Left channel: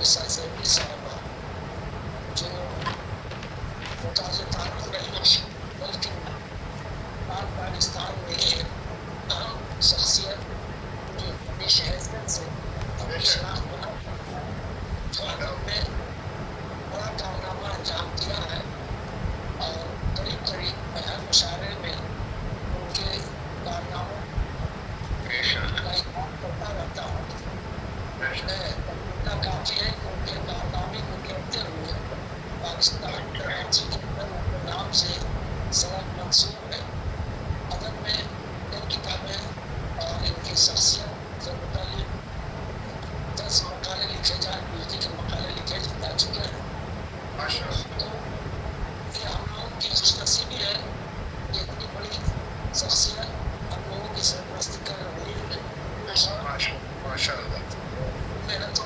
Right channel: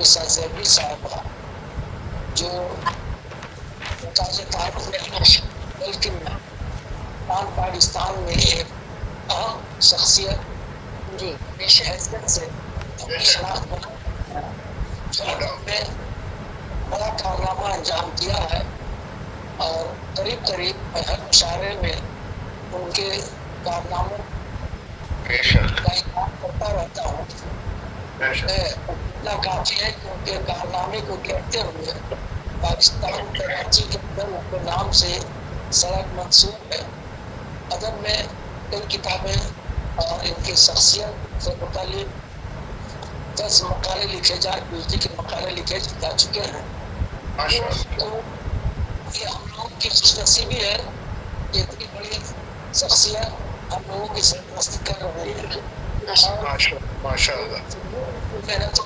निसा ज़ैदी साहिबा जो मुताज़ तारुफ नहीं बल्कि पाक पाकिस्तान में एक अहम शख्सियत जी पेश हैसियत से अपनी शनाख्त बना जो उन्होंने बड़ा कारनामा अंजाम दिया है और करीब करीब हर मुशायरे में उनके कारनामों का इकरार करता रहता हूँ। इतना काफी है कि उनके कारनामे को कहते हुए पाकिस्तान कराची के अंदर उनके नाम से सड़क मंसूब है। अदब में कई किताबें और इनकी शख्सियत से मुतालिक 10 मकाले लिखे के मकाले लिखे जा चुके हैं। तो ये हम लोगों की खुशनसीबी है कि इतनी बड़ी शख्सियत हम लोगों की सरपरस्ती कर रही है। मेरा तो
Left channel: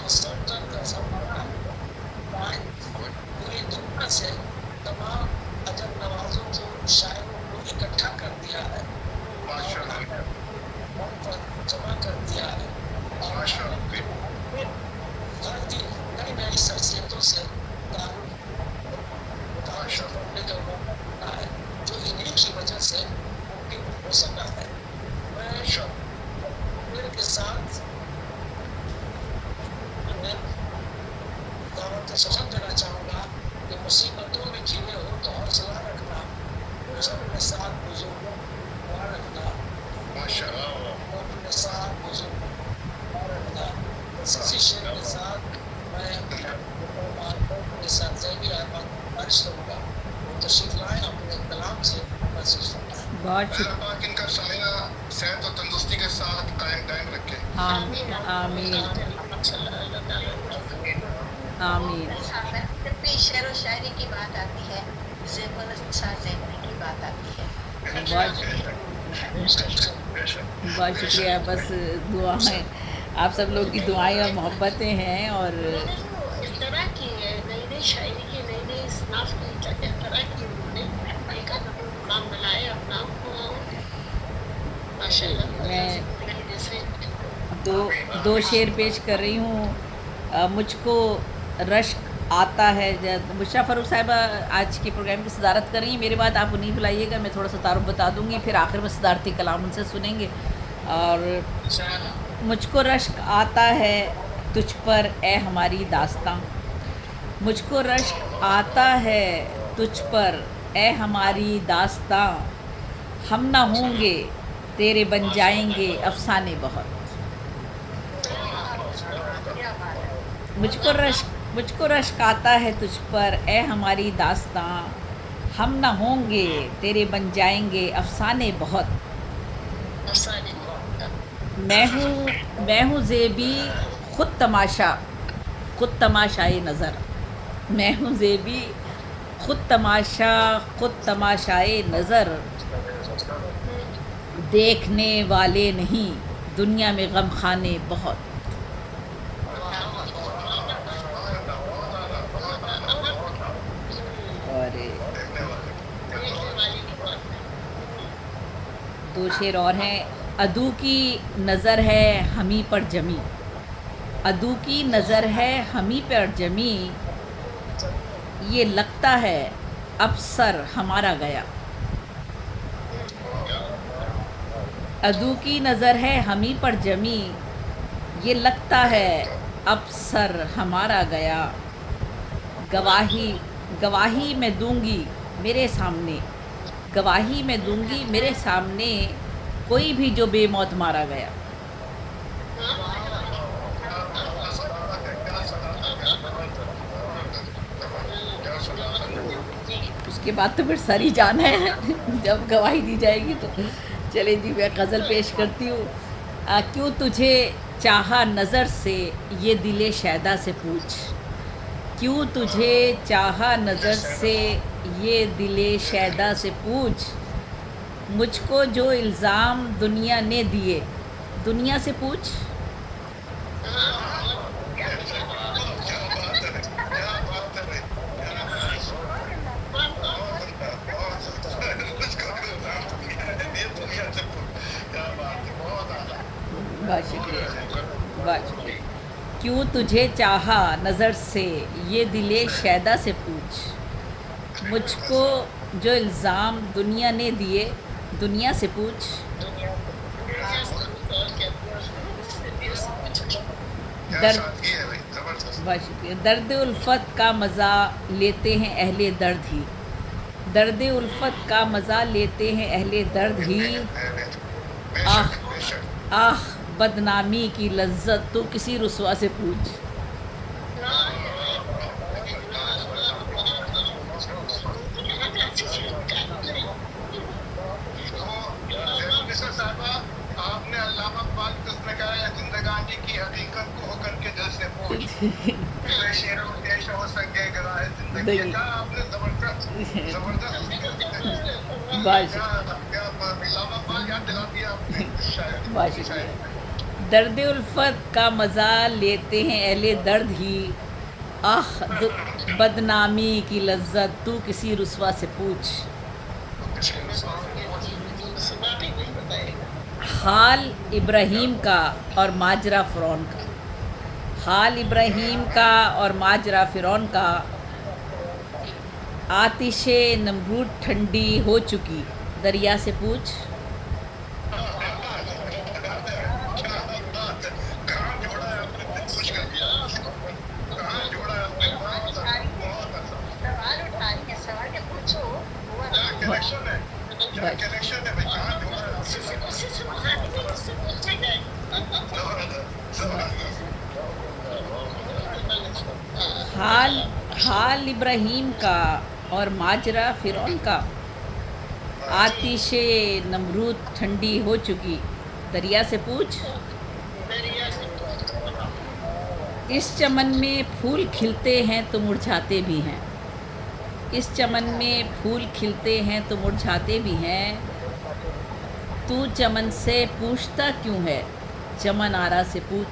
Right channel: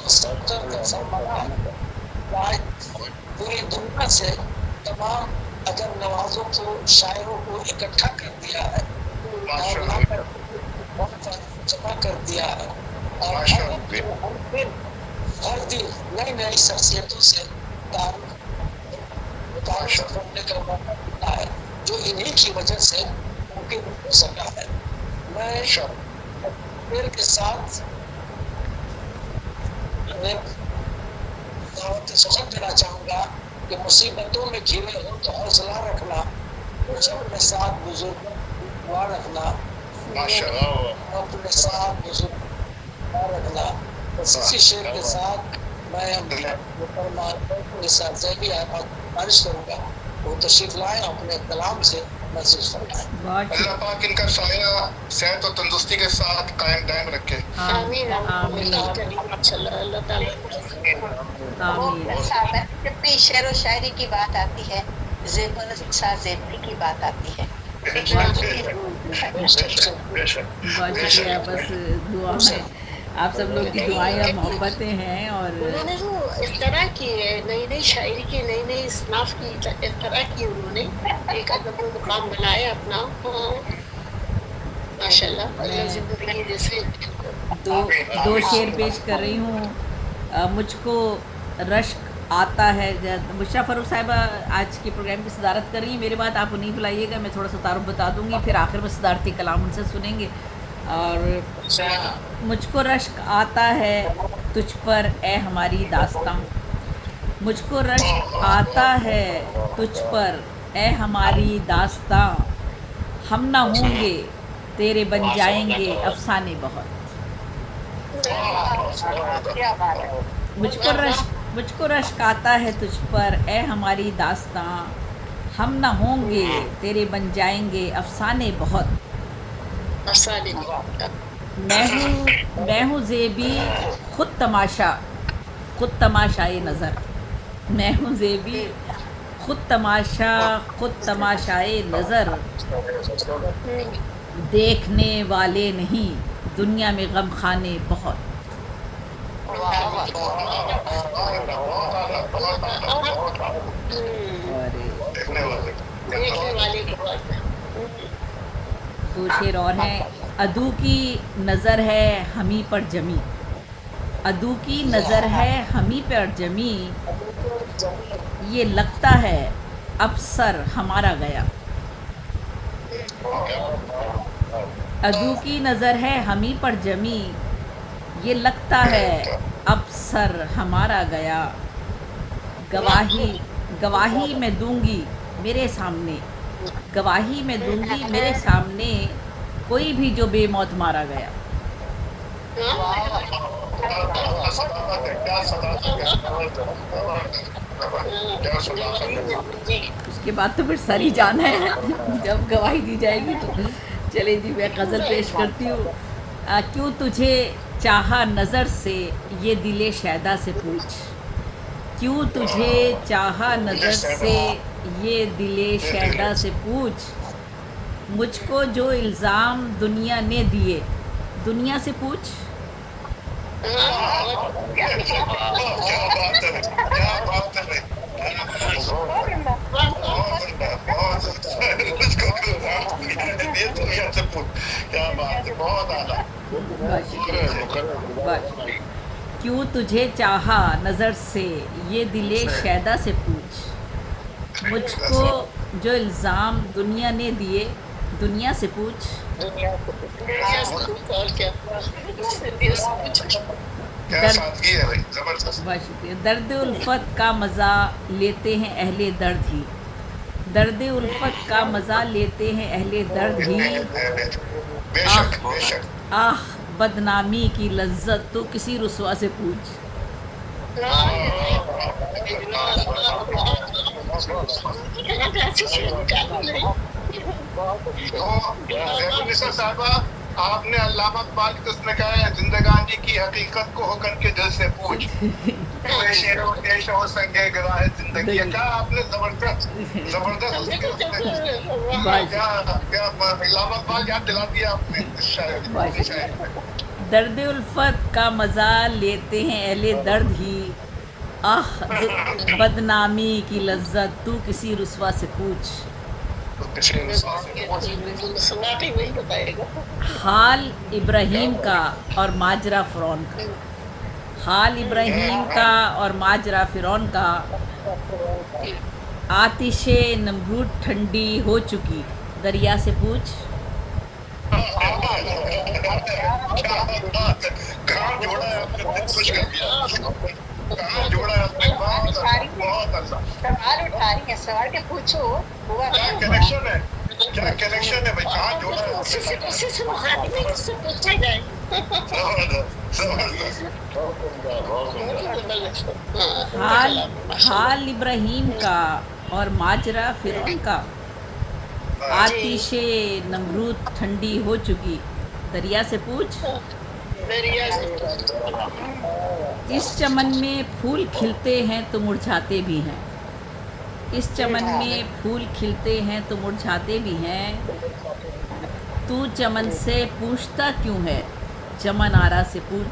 पूरी दुनिया से तमाम अदब नवाजों को शायरों को इकट्ठा कर दिया है और जमा कर दिया है और हर दिन नई नई शख्सियतों से करने का मौका मिलता है जो इन्हीं की वजह से मुमकिन हो सका है। मैं के साथ दावत सफर देना चाहूँगा कि मुसीबतों में घिरे हो तो हौसला रखना, अपने साथ बुजुर्गों को रखना, अपने साथ बुजुर्गों को रखना। इसी शेर के साथ मैं निसा ज़ैदी गुजारिश करूँगा वो तशरीफ लाएं अपने कलाम से महसूस फरमाएं। अल्लाह पाक इनका साया सेहत और तंदुरुस्ती के साथ कायम दायम रखे। आमीन आमीन आमीन। जब भी शेर व शायरी की बात आती है, ज़ेबर ज़ेबरी की बात आती है। बहुत शुक्रिया। बस दुआएं आप सब लोग की दुआएं और मोहब्बतें हैं। और उन्होंने जो इस तरह की नई नई शायरी की नई नई इसनाफ की इस तरह की उन्होंने एक अदब मुकाम बनाया अपना माशाल्लाह। मैं जैसे दो शेर पेश कर रही हूँ। मुझको रश्क आता है। मुशर्रा फ़ारूक साहिबा आज के प्रोग्राम की सदारत कर रही हैं। मेरे बाद आप उन्हीं बुलाइएगा, मैं थोड़ा सा तारुफ बता दूँगी, फिर आखिर में सदारती कलाम उनसे सुनेंगे। और मुझको रश्क आता है तुझ पर ए हमारी दास्तां, मुझको रश्क आता है तुझ पर ए हमारी दास्तां, हम ना होंगे तेरे बन जाएंगे अफसाने बहुत। मुझको रश्क आता है तुझ पर ए हमारी दास्तां, हम ना होंगे तेरे बन जाएंगे अफसाने बहुत। मैं हूँ ज़ेबी खुद तमाशाए नज़र, मैं हूँ ज़ेबी खुद तमाशाए नज़र, देखने वाले नहीं दुनिया में गम खाने बहुत। और दो शेर और हैं। अदू की नज़र है हमी पर जमी, अदू की नज़र है हमी पर जमी, ये लगता है अब सर हमारा गया। अदू की नज़र है हमी पर जमी, ये लगता है अब सर हमारा गया। गवाही मैं दूंगी मेरे सामने, गवाही मैं दूंगी मेरे सामने, कोई भी जो बेमौत मारा गया। उसके बाद तो फिर सर ही जाना है जब गवाही दी जाएगी। तो चले जी, मैं गज़ल पेश करती हूँ। क्यों तुझे चाहा नज़र से ये दिले शैदा से पूछ, क्यों तुझे चाहा नज़र से ये दिले शैदा से पूछ, मुझको जो इल्ज़ाम दुनिया ने दिए दुनिया से पूछ। बहुत शुक्रिया। क्यों तुझे चाहा नज़र से ये दिले शैदा से पूछ। मुझको जो इल्ज़ाम दुनिया ने दिए दुनिया से पूछ। दुनिया से कुछ और क्या दिल से कुछ क्या दर्द सादगी है भाई, जबरदस्त। बहुत शुक्रिया। दर्द उल्फत का मज़ा लेते हैं अहले दर्द ही। दर्द उल्फत का मज़ा लेते हैं अहले दर्द ही। बेशक बेशक। आह बदनामी की लज्जत तो किसी रुसवा से पूछ। तो साहबा, आपने अल्लामा इकबाल की उसमें कहा है, जिंदगानी की हकीकत को होकर के दिल से पूछ। शेर और देश और संगे गिरा है जिंदगी। क्या आपने जबरदस्त क्या अल्लामा इकबाल याद दिला दिया आपने शायद। दर्द उल्फत का मज़ा लेते हैं अहले दर्द ही। आह बदनामी की लज्जत तू किसी रुसवा से पूछ। सुनाती वही बताएगा। हाल इब्राहीम का और माजरा फ़िरौन का। हाल इब्राहीम का और माजरा फ़िरौन का। आतिशे नमरूद ठंडी हो चुकी दरिया से पूछ। कहाँ जोड़ा है आपने, खुश कर दिया। कहाँ जोड़ा है आपने, बहुत अच्छा। सवाल उठा रही है, सवाल के पूछो। हुआ क्या क्या? कनेक्शन है, क्या कनेक्शन है भाई, कहाँ जोड़ा है उसी आपने। से मुखातिब है, इससे पूछा जाए। हाल इब्राहीम का और माजरा फ़िरौन का। आतिशे नमरूद ठंडी हो चुकी दरिया से पूछ। दरिया से इस चमन में फूल खिलते हैं तो मुरझाते भी हैं। इस चमन में फूल खिलते हैं तो मुरझाते भी हैं। तू चमन से पूछता क्यों है चमन आरा से पूछ।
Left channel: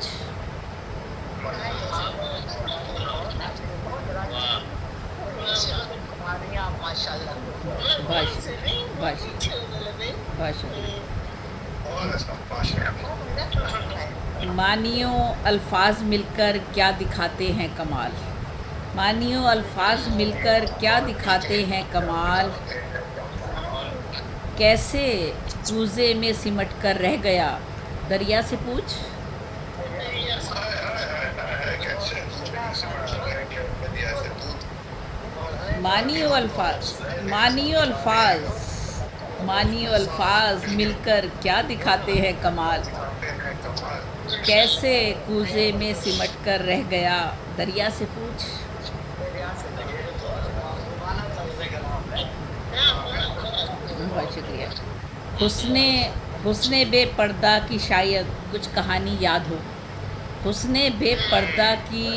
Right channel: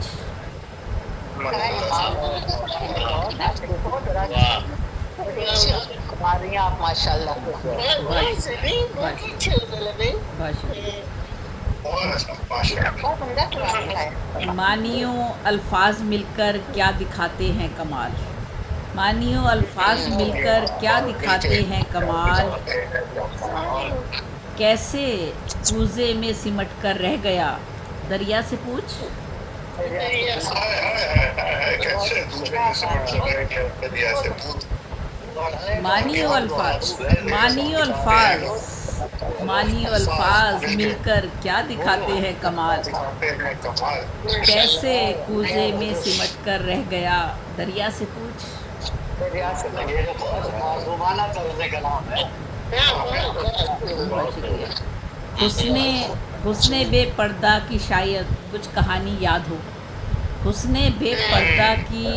आप माशाल्लाह। बहुत उम्दा कमाल है। मानियो अल्फाज मिलकर क्या दिखाते हैं कमाल। मानियो अल्फाज मिलकर क्या दिखाते हैं कमाल। कैसे कूज़े में सिमट कर रह गया दरिया से पूछ। मानियो अल्फाज मानियो अल्फाज मानियो अल्फाज मिलकर क्या दिखाते हैं कमाल। कैसे कूज़े में सिमट कर रह गया दरिया से पूछ। बहुत शुक्रिया। हुस्ने बेपर्दा की शायद कुछ कहानी याद हो। हुस्ने बेपर्दा की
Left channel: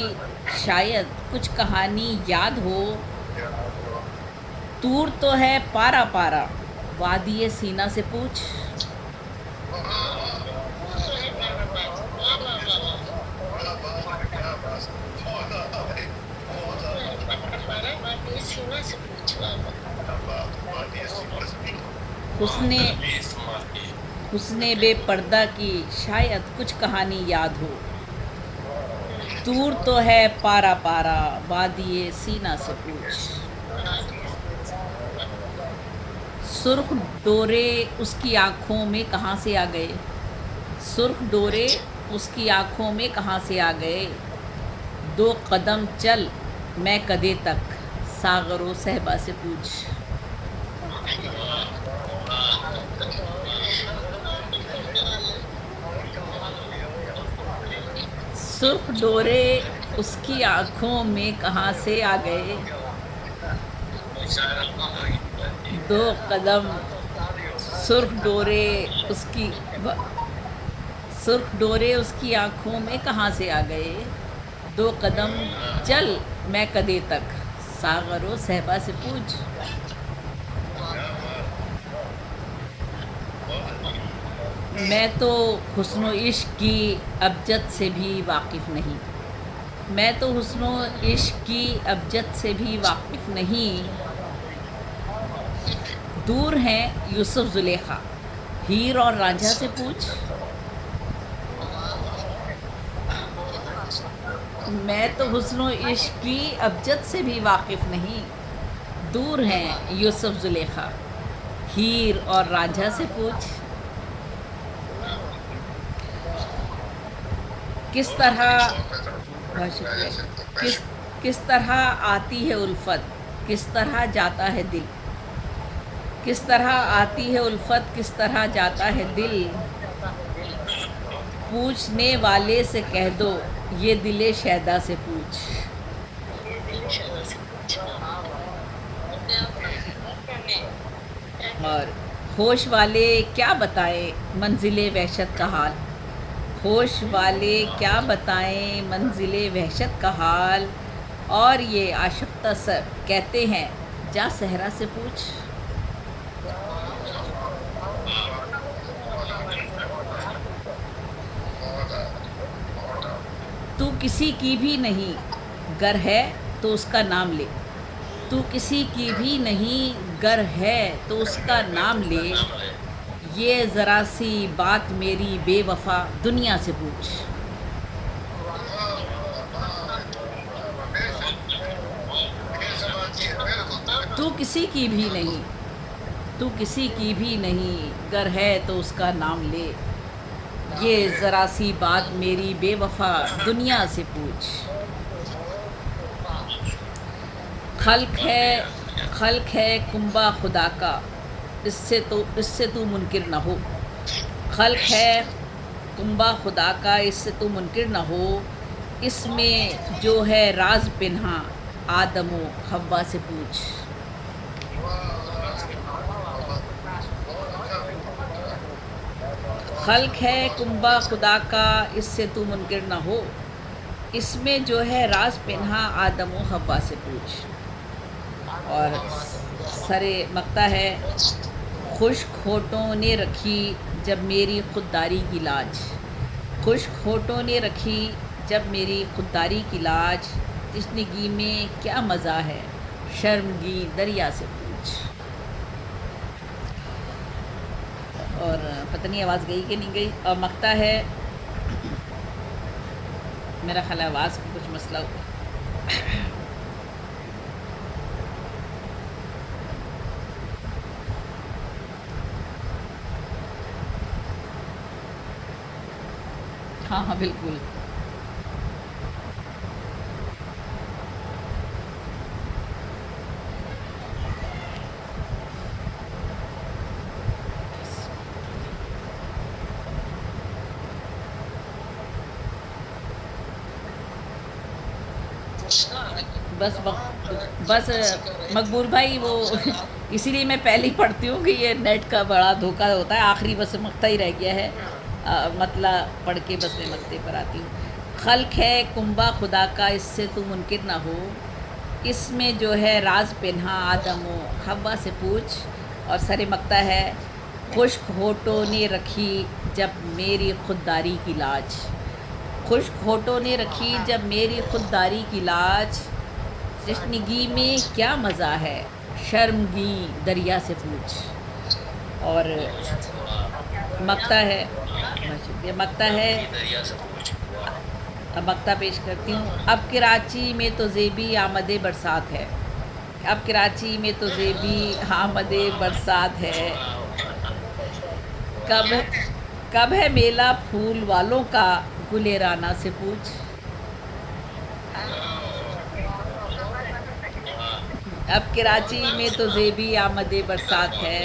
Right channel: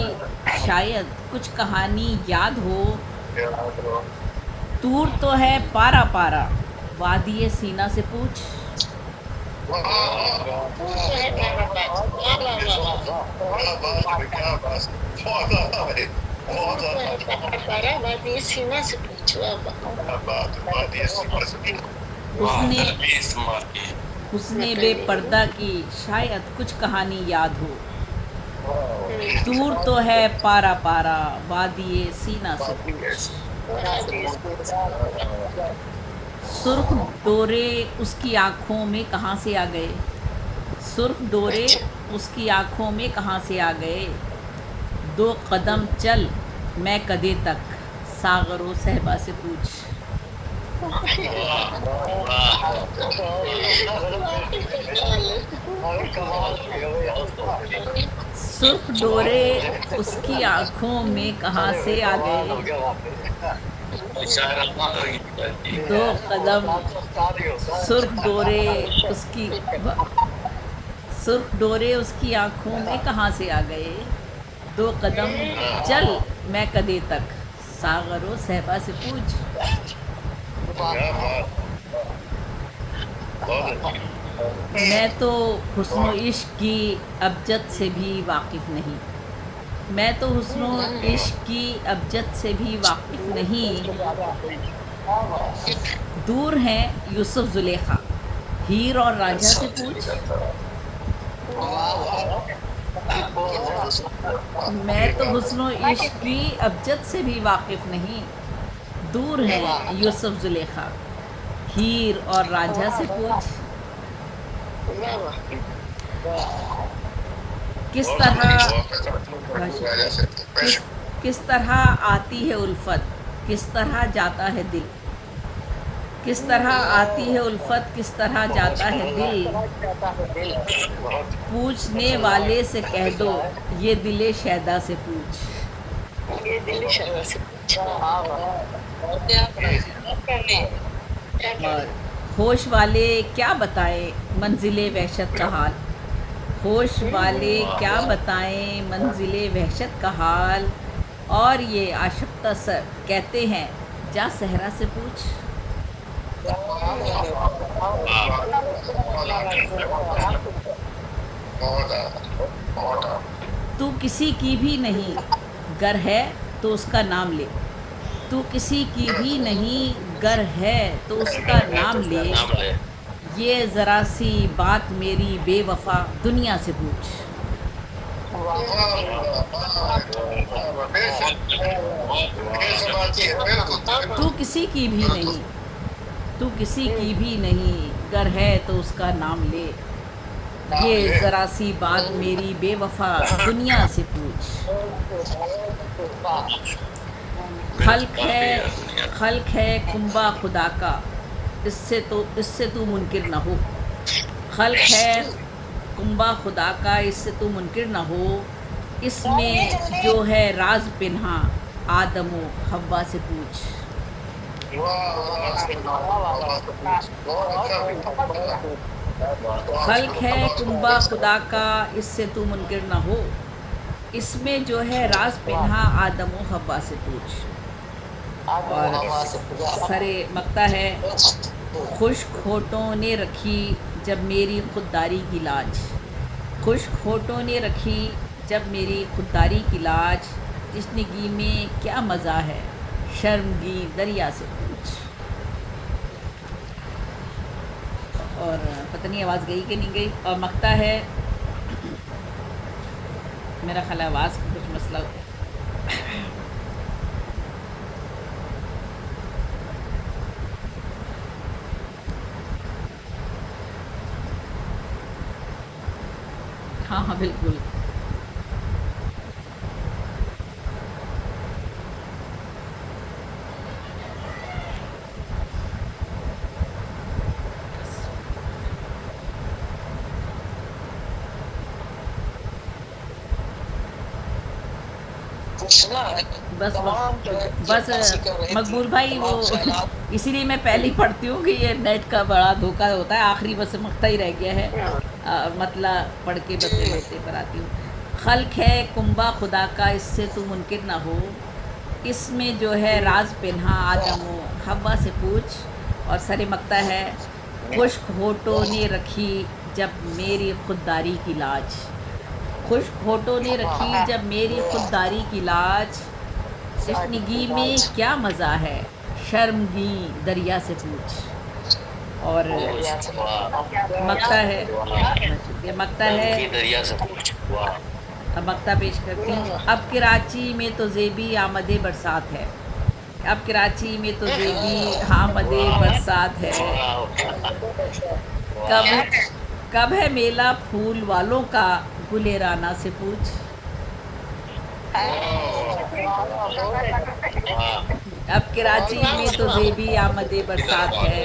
शायद कुछ कहानी याद हो। तूर तो है पारा पारा वादिये सीना से पूछ। सीना से पूछो। हुस्ने बेपर्दा की शायद कुछ कहानी याद हो। दूर तो है पारा पारा वादिये सीना से पूछ। सुर्ख डोरे उसकी आँखों में कहाँ से आ गए। सुर्ख डोरे उसकी आँखों में कहाँ से आ गए। 2 कदम चल मैं कदे तक सागरो सहबा से पूछ। सुर्ख डोरे उसकी आँखों में कहाँ से आ गए। 2 कदम सुर्ख डोरे उसकी आँखों में कहाँ से आ गए। 2 कदम चल मैं कदे तक सागरो सहबा से पूछ। मैं तो हुस्नो इश्क की अबजद से भी वाकिफ़ नहीं। मैं तो हुस्नो इश्क की अबजद से भी वाकिफ़ नहीं। दूर हैं यूसुफ जुलेखा हीर और रांझा से पूछ। मैं तो हुस्नो इश्क की अबजद से भी वाकिफ नहीं, दूर हैं यूसुफ जुलेखा, हीर और रांझा से पूछ। वाह वाह किस तरह बहुत शुक्रिया। किस किस तरह आती है उल्फत, किस तरह जाता है दिल, किस तरह आती है उल्फत, किस तरह जाता है दिल, पूछने वाले से कह दो ये दिले शैदा से पूछ। ये दिल्ली शहर से और होश वाले क्या बताएं मंजिले वहशत का हाल, होश वाले क्या बताएं मंजिले वहशत का हाल, और ये आशफ्ता सर कहते हैं जा सहरा से पूछ। तू किसी की भी नहीं गर है तो उसका नाम ले, तू किसी की भी नहीं गर है तो उसका नाम ले, ये ज़रा सी बात मेरी बेवफा दुनिया से पूछ। तू किसी की भी नहीं, तू किसी की भी नहीं गर है तो उसका नाम ले, ये ज़रा सी बात मेरी बेवफा दुनिया से पूछ। खल्क है कुंबा खुदा का, इससे तू मुनकिर न हो, खल्क है कुंबा खुदा का, इससे तू मुनकिर न हो, इसमें जो है राज पिन्हा आदमो हव्वा से पूछ। खल्क है कुंबा खुदा का, इससे तू मुनकिर न हो, इसमें जो है राज पिन्हा आदमो हव्वा से पूछ। और सरे मकता है, खुश्क होठों ने रखी जब मेरी खुददारी की लाज, खुश्क होठों ने रखी जब मेरी खुददारी की लाज, तशनगी में क्या मज़ा है शर्मगी दरिया से पूछ। और पता नहीं आवाज़ गई कि नहीं गई। और मकता है, मेरा ख्याल है आवाज़ का कुछ मसला हो गया। हाँ हाँ बिल्कुल। बस मकबूल भाई वो इसीलिए मैं पहले ही पढ़ती हूँ कि ये नेट का बड़ा धोखा होता है। आखिरी बस मकता ही रह गया है, मतलब पढ़ के बस मैं मकते पर आती हूँ। खल्क है कुंबा खुदा का, इससे तू मुनकिर ना हो, इसमें जो है राज पिन्हा आदमो हव्वा से पूछ। और सरे मकता है, खुश्क होठों ने रखी जब मेरी खुददारी की लाज, खुश्क होठों ने रखी जब मेरी खुददारी की लाज, तशनगी में क्या मज़ा है शर्मगी दरिया से पूछ। और मकता है, ये मकता है, अब मकता पेश करती हूँ। अब कराची में तो ज़ेबी आमदे बरसात है, अब कराची में तो ज़ेबी आमदे बरसात है, कब है मेला फूल वालों का गुले राना से पूछ। अब कराची में तो ज़ेबी आमदे बरसात है,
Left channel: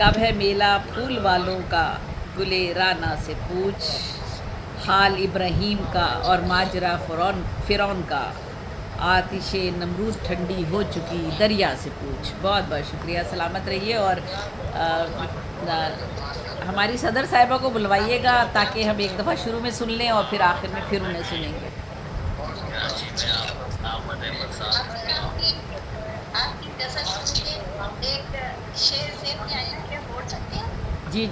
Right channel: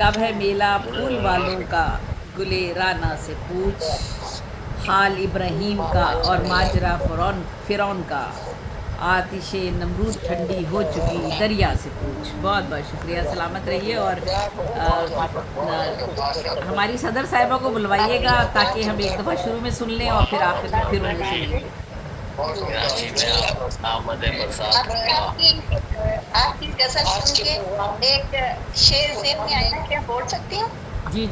कब है मेला फूल वालों का गुले राना से पूछ। हाल इब्राहीम का और माजरा फ़िरौन का, आतिशे नमरूद ठंडी हो चुकी दरिया से पूछ। बहुत बहुत शुक्रिया, सलामत रहिए। और हमारी सदर साहिबा को बुलवाइएगा ताकि हम एक दफ़ा शुरू में सुन लें और फिर आखिर में फिर उन्हें सुनेंगे। आपकी गज़ल सुन के एक शेर ज़ेहन में आया, क्या बोल सकती हैं? जी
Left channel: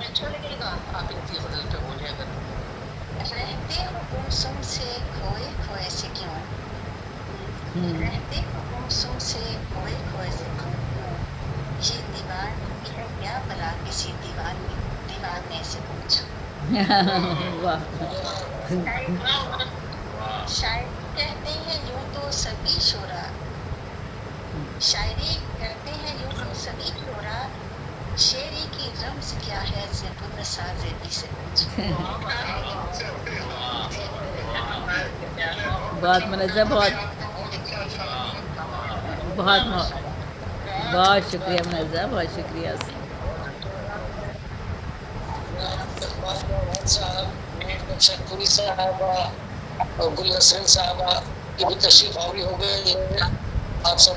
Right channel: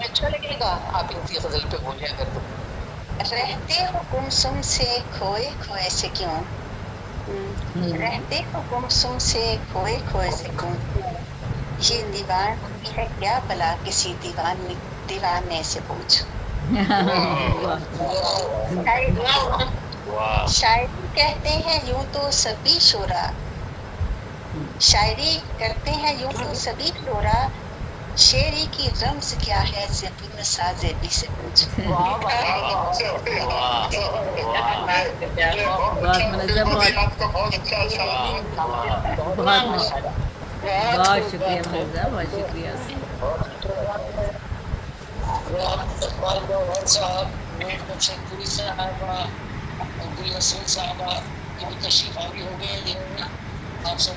अच्छा लगेगा आप इनकी गजल पे बोलिए अगर। रहते हो गुमसुम से खोए खोए से क्यों, रहते हो गुमसुम से खोए खोए से क्यों, ये दीवान है क्या भला किसी दीवाने से पूछ। वाह शायरी कहते हैं यूं तो सभी शोरा, शायरी करते हैं यूं तो सभी शोरा, शेरी की रम्ज क्या है ज़िब्न साज़ेबी से पूछ। बहुत मुनज़्ज़म, बहुत आपका बहुत अच्छा बहुत बहुत शुक्रिया मुनज़्ज़म, बहुत शुक्रिया। इकबाल मोहन साहब, मीर शंकरी साहबा और गुल हसन साहबा, ये भी तशरीफ आवी हो गए, आप सब